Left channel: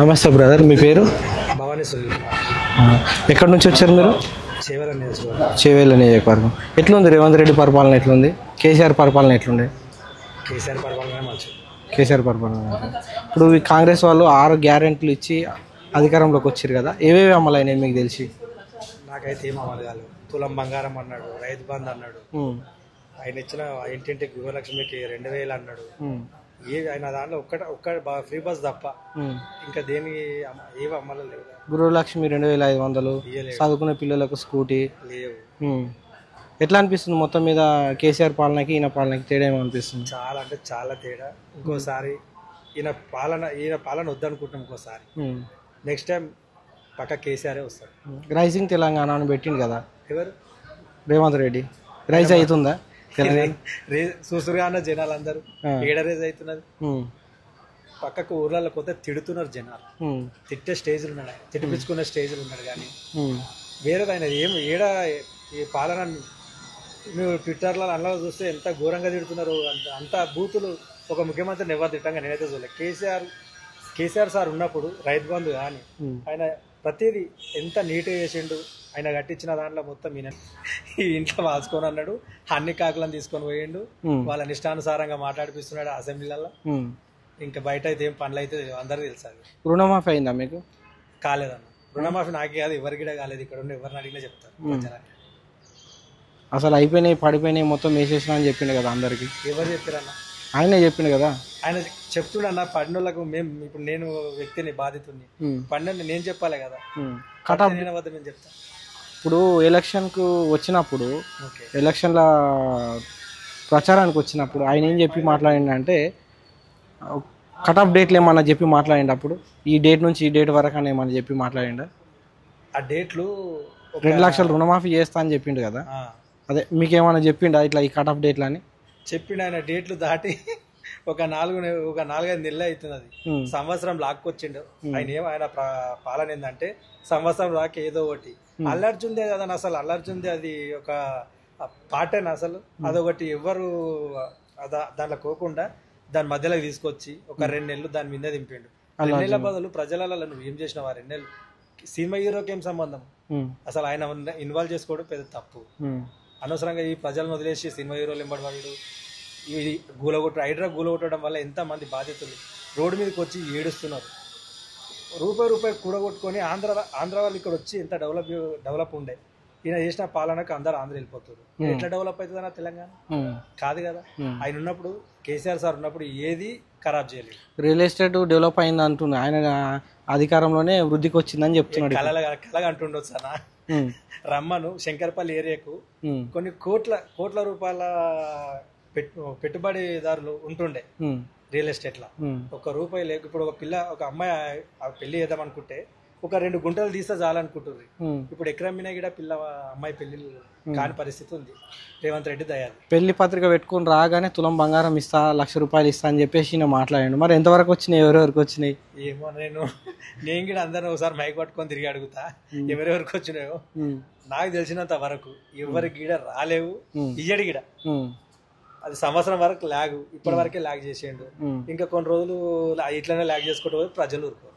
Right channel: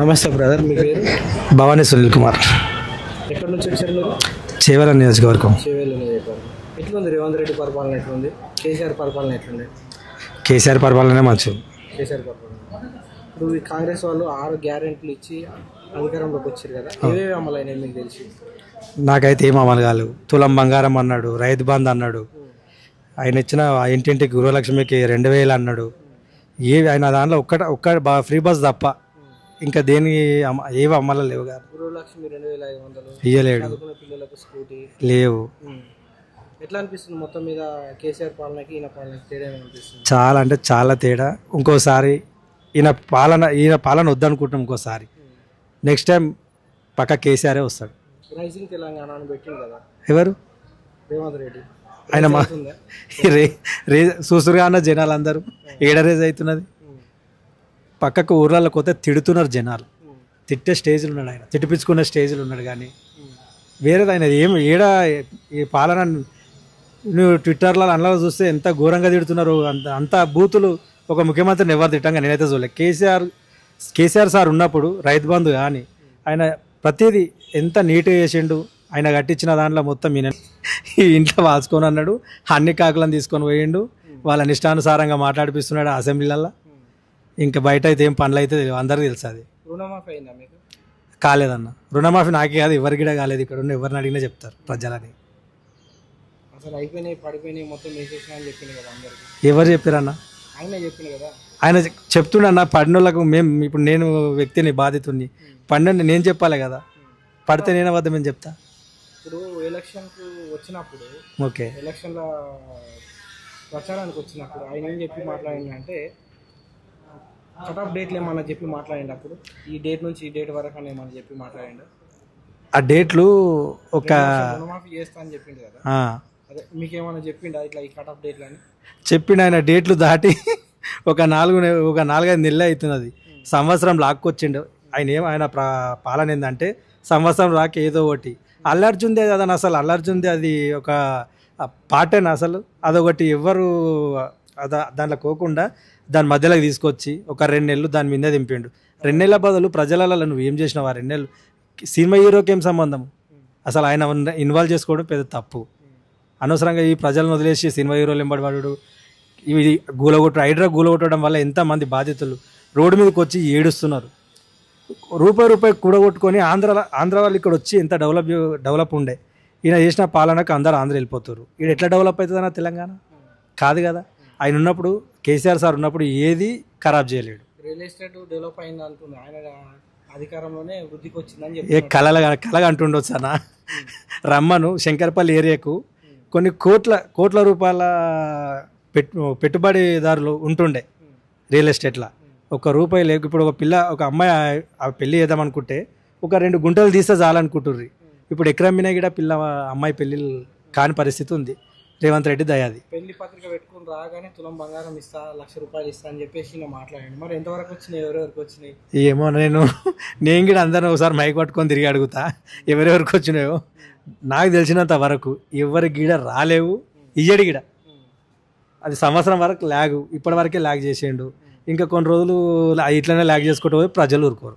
నమస్తే బ్రదర్, మీ పేరు? భవానీ సునీల్ కుమార్. ఎక్కడి నుంచి వచ్చారు మీరు? చేవెళ్ళ నియోజకవర్గం. చేవేళ్ళ నియోజకవర్గం. ఎట్లుంది రేవంత్ రెడ్డి పరిపాలన? ఎట్లుంది కేసీఆర్ పరిపాలన? ఎట్లుంది? కేసీఆర్ పరిపాలనే మంచిది. కేసీఆర్ పరిపాలన. ఇప్పుడు ఈ కాంగ్రెస్ వాళ్ళు 6 గ్యారెంటీలు ఇచ్చి అధికారంలోకి వచ్చారు కదా, ఏవేవి అమలు అయినాయి మీకు తెలిసి? నాకైతే ఏం అమలు కాలేవు. తులం బంగారం అన్నాడు, రైతు బంధు అన్నాడు, ఆయన ఇచ్చిన ఇంటింటికి గృహలక్ష్మికి 2000 అన్నాడు. ఆయన దాంట్లో ఒక్క ఫ్రీ బస్ తప్ప ఇంకా దేనికి ఏవి అమలు లేవు. గృహలక్ష్మి 2500 ఇయ్యలేడు. చదువుకునే పిల్లలకు స్కూటీ లేవు. ఎట్లా అనిపిస్తుంది మొత్తం మీద కేసీఆర్ పాలనకి ఈయన పాలనకి తేడా ఏమనిపిస్తుంది? చాలా అంటే చాలా తేడా. ఇంకోసారి ఈయన పాలన వద్దనుకుంటాం. ఇంకోసారి నెక్స్ట్ టైం పక్క కేసీఆరే వస్తాడు. రైజింగ్ తెలంగాణ అని పెట్టిండు కదా, ఎవరు? రేవంత్ రెడ్డి. అవుతుందా? చూసురుగా అన్న జనాలు అందరూ ఏడరేజ్ అవుతున్నది. పక్కకు ఊర్లలోకి పోతే తిడుతున్నారు జనాలు. తిట్టే స్టేజ్లు ఉన్నాడు ఆయన, తిట్టిపించుకున్న స్టేజ్లు ఉన్నాడు. కానీ వేరేది ఆయన ఏడా ఈ పాలన నువ్వు ట్విట్టర్లో అందులో చూస్తే ఎంత ఘోరంగా తిడుతున్నారు. అంత బూతులు ఒక ముఖ్యమంత్రిని ఎవరు తిట్టంగా నేనైతే చూడలేదు. కేసీఆర్ సార్ ఉన్నప్పుడు రైతు బంధు కానీ ఆయన ప్రతిదీ ఎంత నీట్గా చేసిండు. ఆయన కట్టించిన దాంట్లో మొత్తం ఈయన ఇంట్లో వాచుకొని అన్నాడు. అన్ని కాకులను తీసుకొని పోయిండు. వాళ్ళ ఇష్టానుసారంగా మాట్లాడిపిస్తున్నాడు అసెంబ్లీలలో. ఇంకా బయట అయితే ఏం పనులు అయితే అందరికీ తెలుసు. అది రుణమాఫీ అయిందా మీకు? కాలేదన్న. రుణమాఫీ నాకే కాదు, ఎవరికి కూడా కాలేదు. ఇక్కడ ఉన్న ఎవరిని అడిగినా చెప్తారు ప్రజలని. అసలు అయిపోయినాయి, పడిపోయినాయి, మొత్తం వేసేసిన అని చెప్పిండు కదా అందరికి. ఎవరు చెప్పారన్న? ఆయనే చెప్పిండు కదా. ఆయన చెప్తుండన్న పడినోళ్ళకు. ఇప్పుడు నేను వ్యక్తిని బాధితుని పడిన నేను చెప్పాలి కదా. పడితే నేను అబద్ధమని చెప్తా. ఇప్పుడు ఎలక్షన్కు వచ్చినప్పుడు, ఓకే, ఎలక్షన్ల ప్రచారానికి వచ్చినప్పుడు ఆయన ఏం చెప్పి మాట్లాడిండంటే కట్ ఆఫ్ డేట్లు ఏమన్నా చెప్పి మాట్లాడిండు. అప్పుడు ఈ డేట్ నుంచి ఈ డేట్ వరకు అని ఏమన్నా చెప్పి మాట్లాడిండు. ఆ డేట్లు 2 లక్షలు రుణమాఫీ చేస్తా అని చెప్పిండు కదా. అదే మీకేమన్నా చెప్పిండా ఇట్లా ఈ కట్ ఆఫ్ డేట్లు అని? చెప్పిండు. ఆయన డేట్లు దాటి ఒక 4-5 నెలలు అవుతున్నది. సంవత్సరం లాక్కొచ్చిండు. ఆయన పాలన ఏంటంటే సంవత్సరం రాక ఏదో ఒకటి. అల్లర్జుందే కదా అసలు. అల్లర్జుందే అది ఒక పాటేనా అసలు? అదొకటి ఎవ్వరు దాంట్లో కోకుండా దాని మధ్యలోకి తీసుకొచ్చి ఒక 2 నెలలు దాని మీద దింపిండు. 2 నెలల బదులు ప్రజలలో నువ్వు ఏం చేసినావు? ఆ 2 నెలలు సినిమా హీరోకి ఏం సంబంధం? అసలు ఆయన ఇన్వాల్వ్ చేసుకోవడం పెద్ద తప్పు. అనవసరంగా ఈ ప్రజలను వదిలేసి సినిమా హీరోలు ఎంబడిపడు. ఇవి హైడ్రా గూలగొట్టడం వల్ల ఎంతమంది బాధితులు రోడ్డు మీదకి వచ్చి ఏడుస్తున్నారు. రూపాయి కూడగొట్టుకొని ఆంధ్ర వాళ్ళు ఇక్కడ వచ్చి ఎంత డెవలప్ ఉండే. ఈయన చేసిన పాలనకు అందరు ఆంధ్ర వెళ్ళిపోతారు. ఈయన ఎట్లా డెవలప్ అవుతుందన్న తెలంగాణ? కాదు కదా. ఆయన ఉన్నప్పుడు, కేసీఆర్ సార్ ఉన్నప్పుడు ఏది ఖరాబ్ చేయలేడు. రియల్ ఎస్టేట్ డెవలప్ అయింది అంటున్నా. ఆయన అధికారంలోనే వృద్ధికి వచ్చిందని చెప్పి కలగా అంటుండొచ్చు అన్న. రమ్మను శంకర్పల్లి ఏరియాకు కొన్ని కోట్ల రూపాయల పెట్టుబడిదారులు ఉంటుండే రియల్ ఎస్టేట్లో. ₹1 లేకు. ఇప్పుడు ఒక అమ్మాయి పెళ్లి చేద్దాం అనుకుంటే ఒక 2 గుంటలు తీస్తే చాలనుకుంటుర్రి. ఇప్పుడు ఎకరం మీద కూడా అమ్మాయి పెళ్లిళ్ళు కాని పరిస్థితి ఉంది. రేవంత్ రెడ్డి దయాది. పెళ్లి పత్రిక పెట్టుకుని రాగానే తులం బంగారం ఇస్తా, ₹1,00,000 ఇస్తా అని చెప్పేసి నేను మాట్లాడాను. మరి ఎంతవరకు వచ్చినాయి? ఎవరెవరికి వచ్చినాయి ఏమో. నేను కూడా అందరిని ఒకసారి మైక్ పట్టుకొని తిరిగి అడుగుతా ఎవరెవరికి వచ్చినాయో. నాకు తెలిసినంత వరకు ఎవరి గీడ రాలేవు. ఇయ్యడి గిడ అది సంవత్సరం వరకు ల్యాగ్. ఇప్పటి వరకే ల్యాగ్ చేసేయండు. ఇంకా కొన్ని రోజులు ఇట్లనే ల్యాగ్ చేసుకుంటూ పోయి ప్రజలు ఊరుకోరు.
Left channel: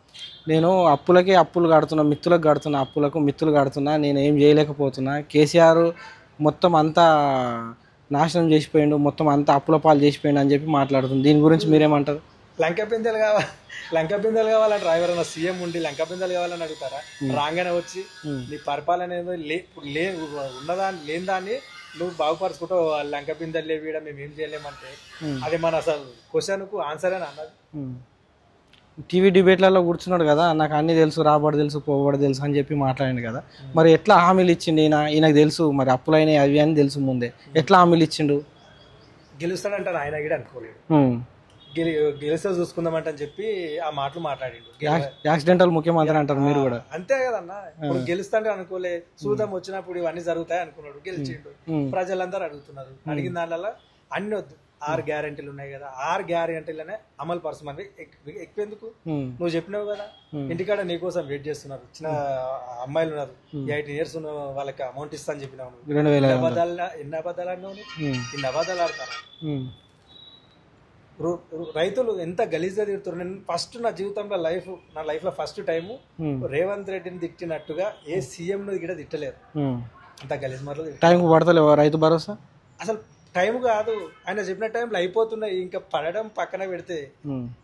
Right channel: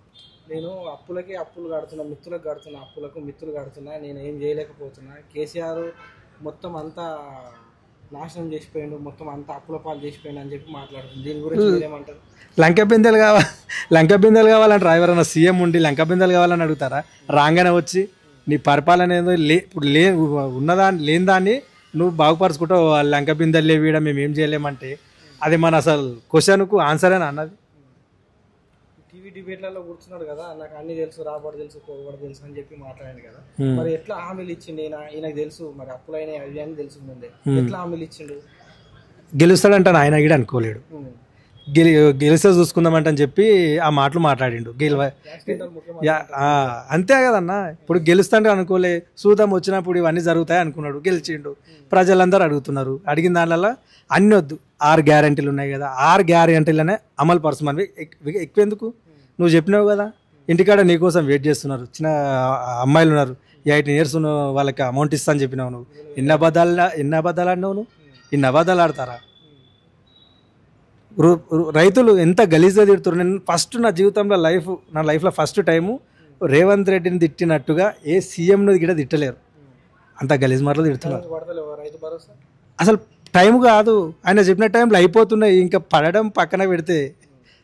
నేను అప్పులు కడుతున్నా, మిత్తులకు కడుతున్నా, మిత్తులు కడుతున్నా, నేను ఏం చేయలేకపోతున్నా. కేసీఆర్ మొత్తం అంతా నాశనం చేసిపోయిండు, మొత్తం అంతా అప్పుల పాలు చేసిపోయిండు అని చెప్పి మాట్లాడుతుంది. దీని గురించి మీరేమంటారు? లంక బిందెలు కావాలంటారా? ఎవరైనా సీఎం ఉండి లంక బిందెలు కావాలని అడుగుతారా? రాగానే వచ్చి నీ పరిపాలన ఏదో ఇప్పుడు లేని దాన్ని నువ్వు బాగుపరుచుకుంటావు. లంక బిందెలు లేవీయడం మేము ఏం చేయలేమంటే అది మన అసలు క్వశ్చన్కు ఆన్సరేనా అన్నది? టీవీ డిబేట్లలో కూర్చున్నాడు కదా, నాకు అన్ని తెలుసు, రాబడి తెలుసు, పోబడి తెలుసు అని చెప్పి మాట్లాడాడు కదా. మరి ఎట్లా హామీలు ఇచ్చిండు ఈయనకు తెలుసు? మరి అప్పులైనా అవి అని తెలుసు ముందే, ఎట్లా హామీలు ఇచ్చిండు? గెలుస్తాడంటే ఆయన కూడా అనుకోలేడు. గెలిస్తే చూసుకుందామంటని చెప్పి ఆ మాటలు మాట్లాడిండు. యాక్సిడెంటల్ ముఖ్యమంత్రి అంటారు అంతే కదన్న. ఇప్పుడు గెలుస్తాంటే అనుకోలే, చూద్దాం వచ్చినప్పుడు ఇవన్నీ జరుగుతాయి అనుకున్నాడు. గెలిచిండు. ప్రజలందరూ అడుగుతున్నారు. అడిగిన దానివల్ల అన్ని వద్దు, 6 గ్యారెంటీలు ఉన్నాయి కదా, 6 గ్యారెంటీలనే అమలు పరచమని. ఎక్కువెందుకు? నువ్వు చెప్పినావు కదా, ఇంటికాడ నీకోసం వెయిట్ చేస్తున్నారు. చిన్న అమ్మాయిలు ఉన్నారు, 18 years వాళ్ళకి అమౌంట్ ఇస్తా అని చెప్పినావు. నువ్వు ఎన్ని అబద్ధాలు ఆడినావు? ఇన్ని అబద్ధాలు ఆడతారా? రైతులు ఎంత గలీజ్గా తిడుతున్నారు. నేను ఫస్ట్ నా లైఫ్లో ఫస్ట్ టైము రేవంత్ రెడ్డిని తిట్టినట్టుగా ఏ సీఎంను కూడా తిట్టలేరు. అంత గలీజ్ మాటలు తిడతారు. పడతలేవు రైతు భరోసా అసలు టైం కాదు, ఆయన చెప్పిన టైంలో అయిపోతున్నాయి. ఇంకా పడడం పక్కన పెడితే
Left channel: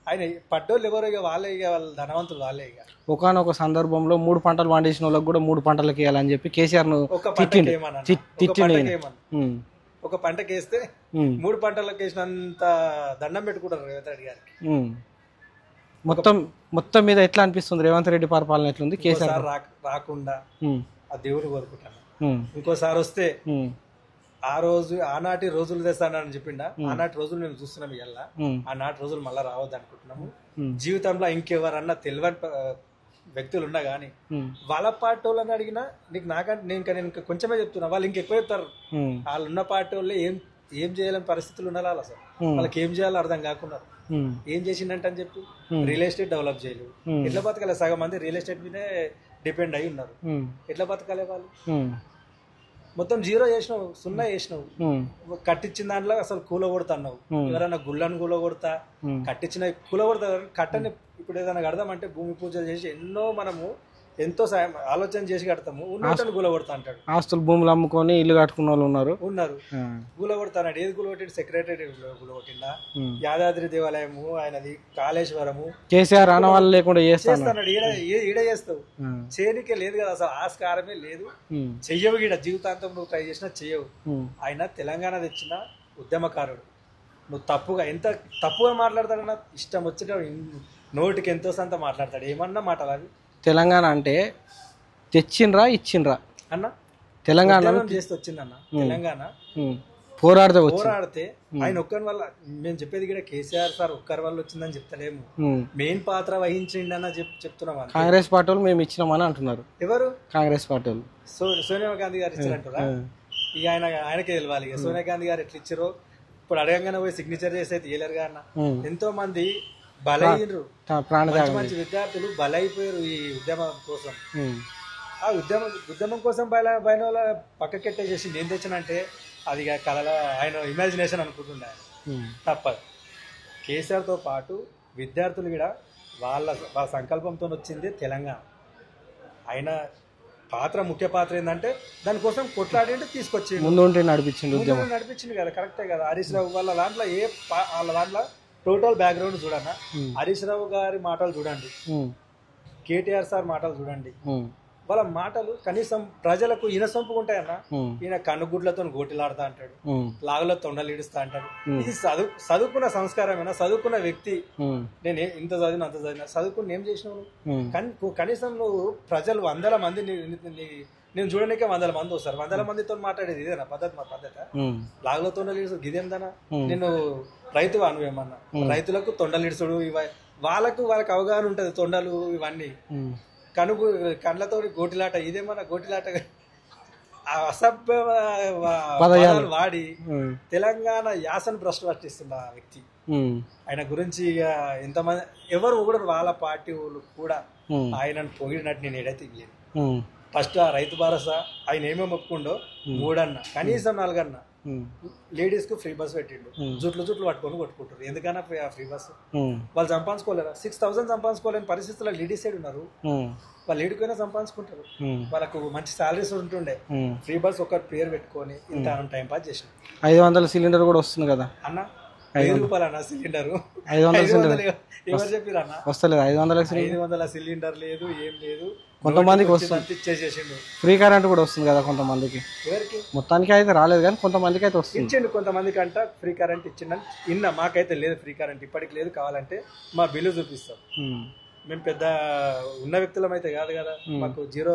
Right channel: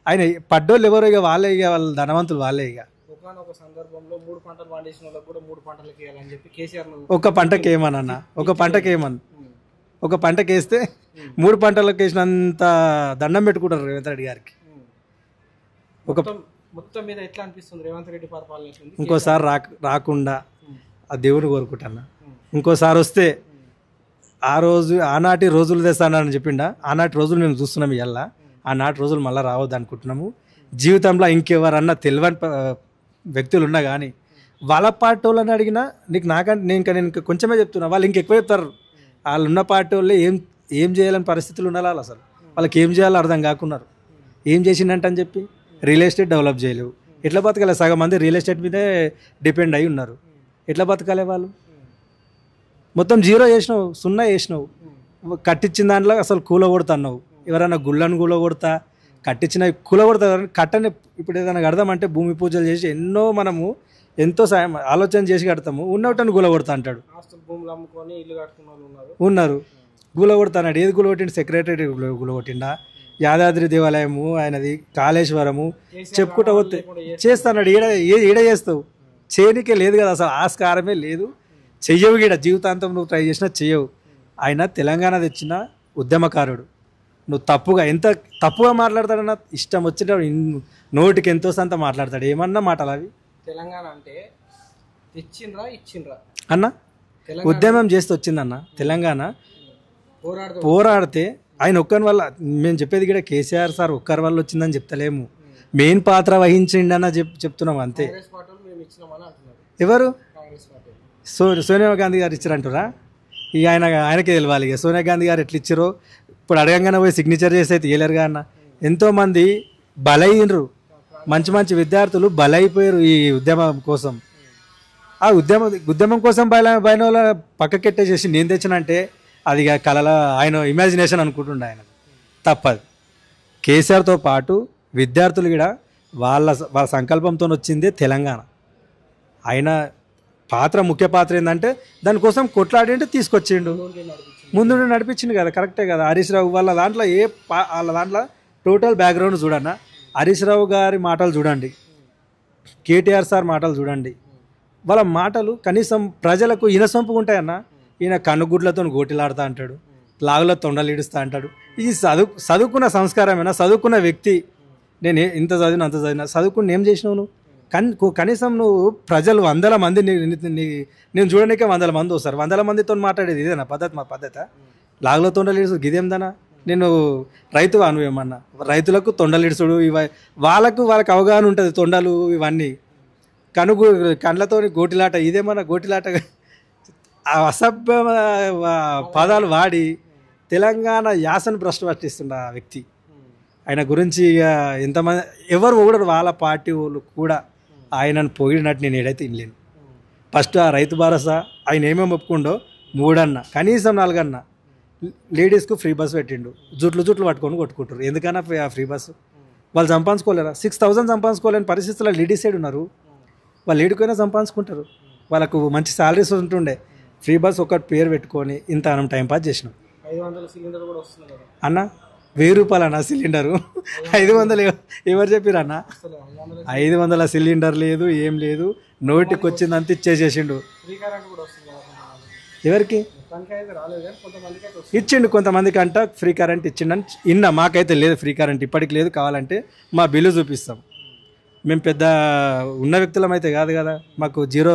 ఆయన పడ్డోళ్ళు ఎవరో ఇక వాళ్ళ ధనవంతులు వాళ్ళే. ఇక ఒకనొక సందర్భంలో 3 పంటలు పండించిన వాళ్ళకి కూడా 3 పంటలకి వేయాలని చెప్పి కేసీఆర్ ఒక పంటకి ఏమన్నా ఒక పంటకి వేస్తే 3 పంటలకు వేసినంత దండం పెట్టుకుంటారు రేవంత్ రెడ్డి గారికి. మొత్తం మీద ఎట్లా అనిపిస్తుంది రేవంత్ రెడ్డి పరిపాలన ఎట్లుంది? ఇంకోసారి రాకుండా ఆ దేవుడు కోరుకుంటాను. ఇంకోసారి వస్తే ఆనాటి రోజులు తెస్తానని చెప్పిండా. ఆనాటి రోజులు మేము చూస్తున్నాం. ఇవాళ ఆనాటి రోజులు మళ్ళీ రావద్దు అనుకుంటున్నాము. జీవితంలో ఇంకెవరన్నా తెలియని వ్యక్తులు ఉన్నా కానీ వాళ్ళ పార్టీ వాళ్ళని అడిగినా నేను కొంచెమే చెప్తున్నా, వాళ్ళు ఇంకెక్కువ చెప్తారు. వాళ్ళు ఉన్న పార్టీ వాళ్ళు ఏం చేయాలని పరిస్థితులు ఉండాలి. అసలు వాళ్ళకి ఏం చేయాలో అర్థం కాకున్నారు. ఏం చేసిందంట అని చెప్పి రియల్ ఎస్టేట్ డెవలప్ చేయలేవు. ఎట్లా బతకాలి? సగం మంది రియల్ ఎస్టేట్ మీదే డిపెండ్ అయి ఉన్నారు. ఎట్లా బతకాలి వాళ్ళు? మొత్తం జీరో చేసినావు, 0 చేసినావు. కట్టించిన దాంట్లో అసలు కూలగొడతావు. ఎవరైనా గుళ్ళను కూలగొడతా, కట్టించిన కూలగొడతా. కట్టని ఇప్పుడు ఏదైనా కడదామంటే భూమి పూజలు చేసి మనము ఎంతో సాయం ఆలోచన చేసి కడతాము. ఉన్నట్టని గులగొడతా అంటాడు. ఆస్తులు భూములు అమ్ముకొని ఇల్లు కట్టుకున్న వాళ్ళు ఉన్నారు. గులగొడతా అన్నాడు. ఏది గులగొట్టిండు? సెక్రటరీ గులగొట్టిండా, యాదాద్రి దేవాలయము ఆయనది, కాళేశ్వరము చేస్తాడు. ఈడ చేస్తావు, చేయనికే లేదు కదా అసలు, ఆస్కారమే లేదు. చెయ్యవు గీడ, జీవితాంతం నువ్వు ట్రై చేసినా చెయ్యవు. ఆయన తెలంగాణ తెచ్చిన ఉద్యమకారుడు. నువ్వు ఎంత తప్పుగా మాట్లాడతాడన్నా, ఇష్టం వచ్చిన నోటికి ఎంతో సంత మాట్లాడతాడు. ఏమన్నా మాటలు అవి? తెలంగాణ అంటే ఇచ్చిండ్రా అన్న, తెలంగాణ ఉద్యమం చేస్తే వచ్చిందన్న. తెలంగాణ పోరాడితే ఆయన ఒక్కరి వల్ల, మేము చెప్పేది కూడా కేసీఆర్ సార్ ఒక్కరి వల్ల వచ్చిందని చెప్తలేము, మెయిన్ పాత్ర వహించండి అన్న చెప్తున్నాం. అంతే. కాంగ్రెస్ పార్టీ వాళ్ళు మేము ఇచ్చినామని అంటున్నారు. ఎవరు? కాంగ్రెస్ పార్టీ వాళ్ళు. సోనియా గాంధీ గారు ఇచ్చారంటారా? ఇక ఆయనకే తెలియాలి. ఇక సోనియా గాంధీ గారు ఎట్లా ఇచ్చారో ఇప్పుడు అడగంగానే పోయి సిగ్నేచర్ చేసి అయితే తీయలేరుగా అన్న. ఎంతో మంది బలైనరు, మంచి విద్యార్థులు బలైపోయారు ఈ ఉద్యమం కోసం. ఆ ఉద్యమం కోసం బయన వాళ్ళ పక్కకెట్టేసేసి నేను తెచ్చినంటే అది కళల ఆయన ఇమాజినేషన్ అనుకుంటుండే. ఆయన తప్పదు. కేసీఆర్తో పాటు విద్యార్థులు కూడా వాళ్ళ సంకల్పంతో వచ్చిందే తెలంగాణ. ఆయన ముఖ్య పాత్ర ఏంటంటే దానికోసం కొట్లాడి అంటే తీసుకొచ్చిండు, ముందు నడిపించిండు కదా. కరెక్టే కదా. హరీష్ రావు వాళ్ళ దాంట్లో టోటల్ బ్యాక్గ్రౌండ్ చూడన్నా. హరీష్ రావు గారి మాటలు చూడండి, కేటీఆర్ సార్ మాటలు చూడండి. వాళ్ళ మాటలు కనీసం ప్రజలకు ఇనసొంపుగా ఉంటాయన్న. ఈయన కనుగుడ్లతో గోటిలాడుతా అంటాడు, లాగులో తొండలు ఇడుస్తా అంటాడు. ఇది చదువుకున్న సంస్కారమేనా? చదువుకున్న వ్యక్తి, నేను ఇంత చదివిన అంత చదివిన, చదువుకుని ఏం చేసినావు నువ్వు? కనీసం నువ్వు ప్రజలు 100 మంది నేను చూడడానికే 100 మంది వస్తారు. 100 మందితో మాట్లాడేది ఇదేనా పద్ధతి? మా పద్ధత లాగులో తొండలు ఇడుసు గిదేందనా? నేను రైతువా నువ్వేమన్నా? రైతులకు తొండలు ఇడుసుడు వాళ్ళకు అవగాహన ఉంటుంది. తొండలు ఇవన్నీ కండ్లతో గోటిలాట, ఇదేమన్నా గోటిలాట? అసభ్య పదాలు వాడి తెలంగాణ యాసను భ్రష్టు పట్టిస్తుండ ఆ వ్యక్తి. ఆయన గురించి ఎంతమంది ఎవరు పొగడరు. వాళ్ళ పార్టీ వాళ్ళు కూడా ఆయనను పొగిడినట్టు నేను ఏడైతే ఇల్లేను. ఫస్ట్ ఆ రైతు భరోసా ఆయన ఏమేమి ఒప్పుకుండో 3 అన్న, కనీసం 4 అన్న లేడీస్కు ఫ్రీ బస్ పెట్టిండు. జుట్లు పట్టుకొని కొట్టుకుంటారు. ఎందుకన్నా ఫ్రీ బస్సు? వాళ్ళు సంపాదించుకోలేరా? 6,000 సంపాదించుకోలేని పరిస్థితుల్లో లేడీస్ సైడ్ ఉన్నారు. వాళ్ళు ఏడుకైనా సంపాదించుకుంటారు. వాళ్ళకు మంచి శాలరీస్ ఉంటుండే. ఫ్రీ బస్ ఒకటి పేరు పెట్టుకొని ఇంత మనం టైం పాస్ చేసినాం. 500 సిలిండర్ కూడా వస్తుంది కదా అన్న. 1000 రూపాయలు అన్న సిలిండరు. 500 ఎవరు చెప్పారు అన్న? వస్తలేదు. 500 సిలిండర్ లేదు, ఏం లేదు. నోటికి వచ్చింది అంత ఇచ్చేసేసిండు. ఫ్రీ కరెంట్ కూడా వస్తుంది కదా కొంతమందికి. ఎవరికి? మొత్తానికి అయితే రాలేదు కానీ కొంతమందికి అయితే వస్తుంది. ఇచ్చిండు. కొంతమందికి అంట ఫ్రీ కరెంట్ ఇచ్చిండని ఇన్నా. మాకైతే లేదు ఫ్రీ కరెంట్, ఇప్పటికి లేదు. కావాలంటే మా బిల్లు చూపిస్తాం. మేము పెద్ద ఉన్న వ్యక్తులం అయితే కాదు కదా, మాకు 0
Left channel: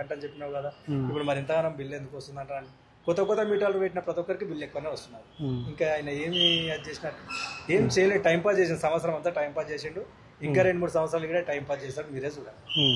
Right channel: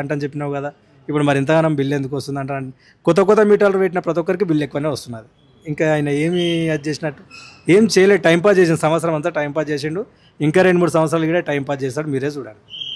అంటని చెప్పినావు కదా. ఇప్పుడు మరి ఇంతగానం బిల్లు ఎందుకు వస్తుంది అంట. కొత్త మీటర్లు పెట్టిన ప్రతి ఒక్కరికి బిల్లు ఎక్కువనే వస్తున్నది. ఇంకా ఆయన ఏమి అది చేసినట్టు ఏం చేయలేదు. టైంపాస్ చేసిన సంవత్సరం అంతా టైంపాస్ చేసిండు. ఇంకా 2-3 సంవత్సరాలు కూడా టైంపాస్ చేస్తాడు. మీరే చూడండి.